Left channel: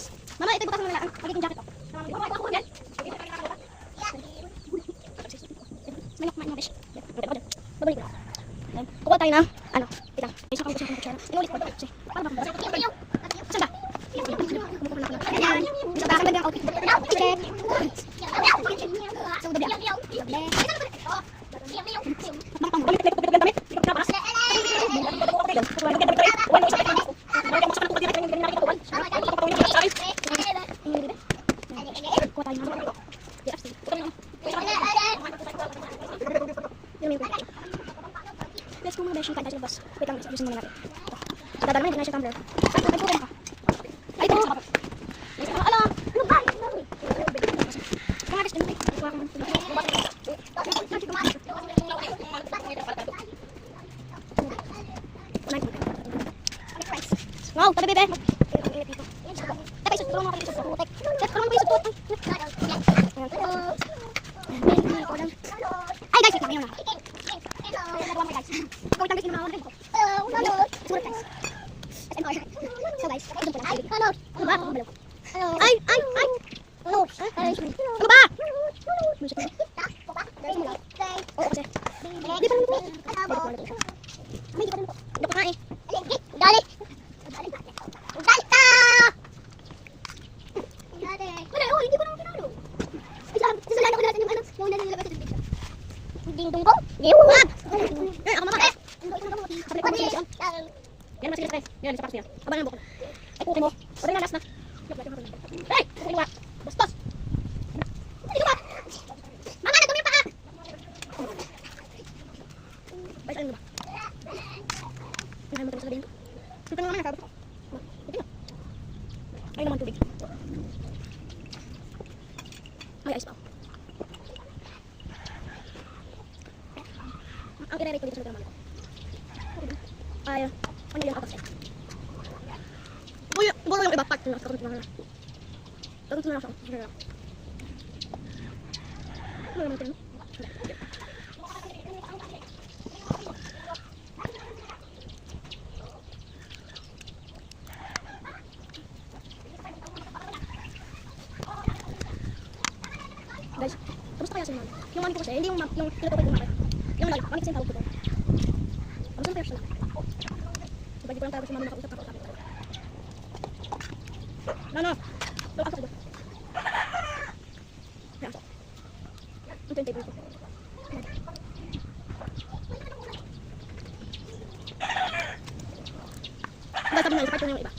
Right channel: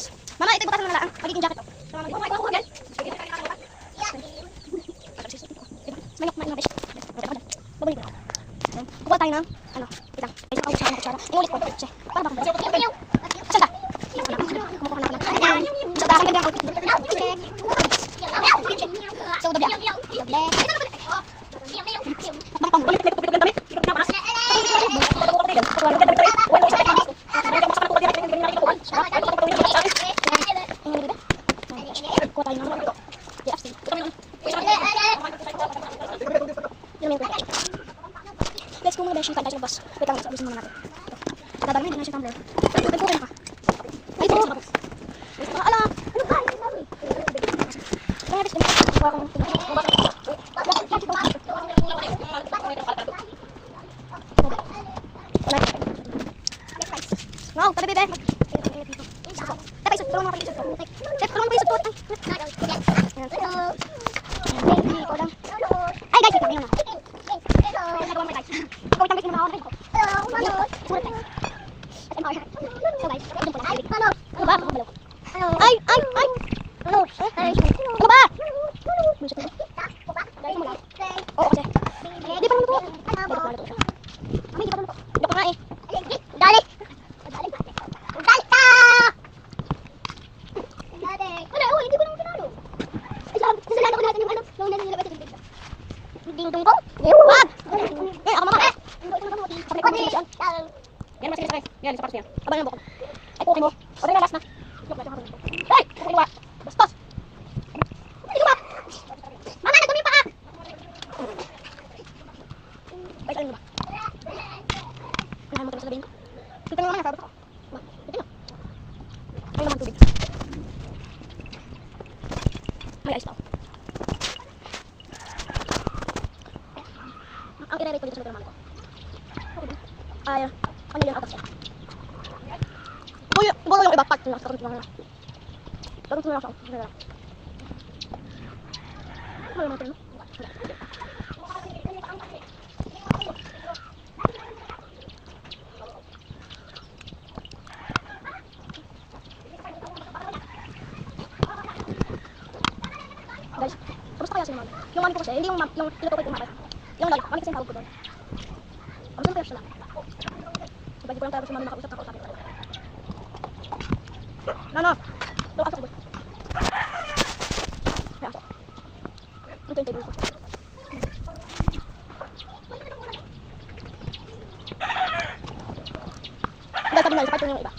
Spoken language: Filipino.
guys. Mama, ito ibukas mo na lang. Magiging jacket to. Kukuha tayo ng ano, kitang. Isang kaubusan ng kutsara. Inulit ko. Para ba kung saan ba? Kumukuha na ako ng ayan. So, para kang outfit. So, doble. Let's go muna ba yung kanta sa boss. Wait lang, abisin muna natin. Dadala mo, hindi na siya tumbler. Ay, nagpukin ka. Ay, ito. Ala! Ano ba? Wow, tabi dito. Tapos isot, tulungan mo kayo isot. Tulungan mo kayo isot. Ay, guys, wait lang. Nagawa mo guys. Ikaw itang guys, muna ako. Puro guys. So guys, doon po lang. Ano ba? Ay! Ano ba? Oo, kasi. Di pa naman ito. Mami, di pa naman ito. Di pa nga eh. Dali! Wala, hindi ko naman pinalo. Kasalanan ko natin yung ano. Yung nilagay sa bibig. Ding-dong ko? Wag! Eh, ako mama. Yan, masih sakit. Yan, sa paros niya. Abang yung bukan. Ay, pukin mo. O, rin na, last na. Ay! Pukin mo. Bastos! Hindi ko ba? Mama, nagdumi yung paa! Ay, kain mo ba? Mahal mo ito sabihin. Dito naman naman, sabi ko. Dito na. Ay, naman tubig. May ice pa. Ang i-rate ko dito sa mga ko. Ay, ano yung atas ko? Bukan yung iba part nila. Takot nila. Takot nila ako. Ano yung mga guys, kamusta kaya si mama? Yung mami ko kasi, hindi yung tinutukoy ko mama. Yung lolo, mami kasi yung tawag ko doon. Kamusta kaya sila? Ibagi ko lang tayo si mami nakausap na kausapin ko. Nano! Doon ka sa kubos. Yan po. Ito yung table ko. Guys, sabi nila, sabi ko yung iba.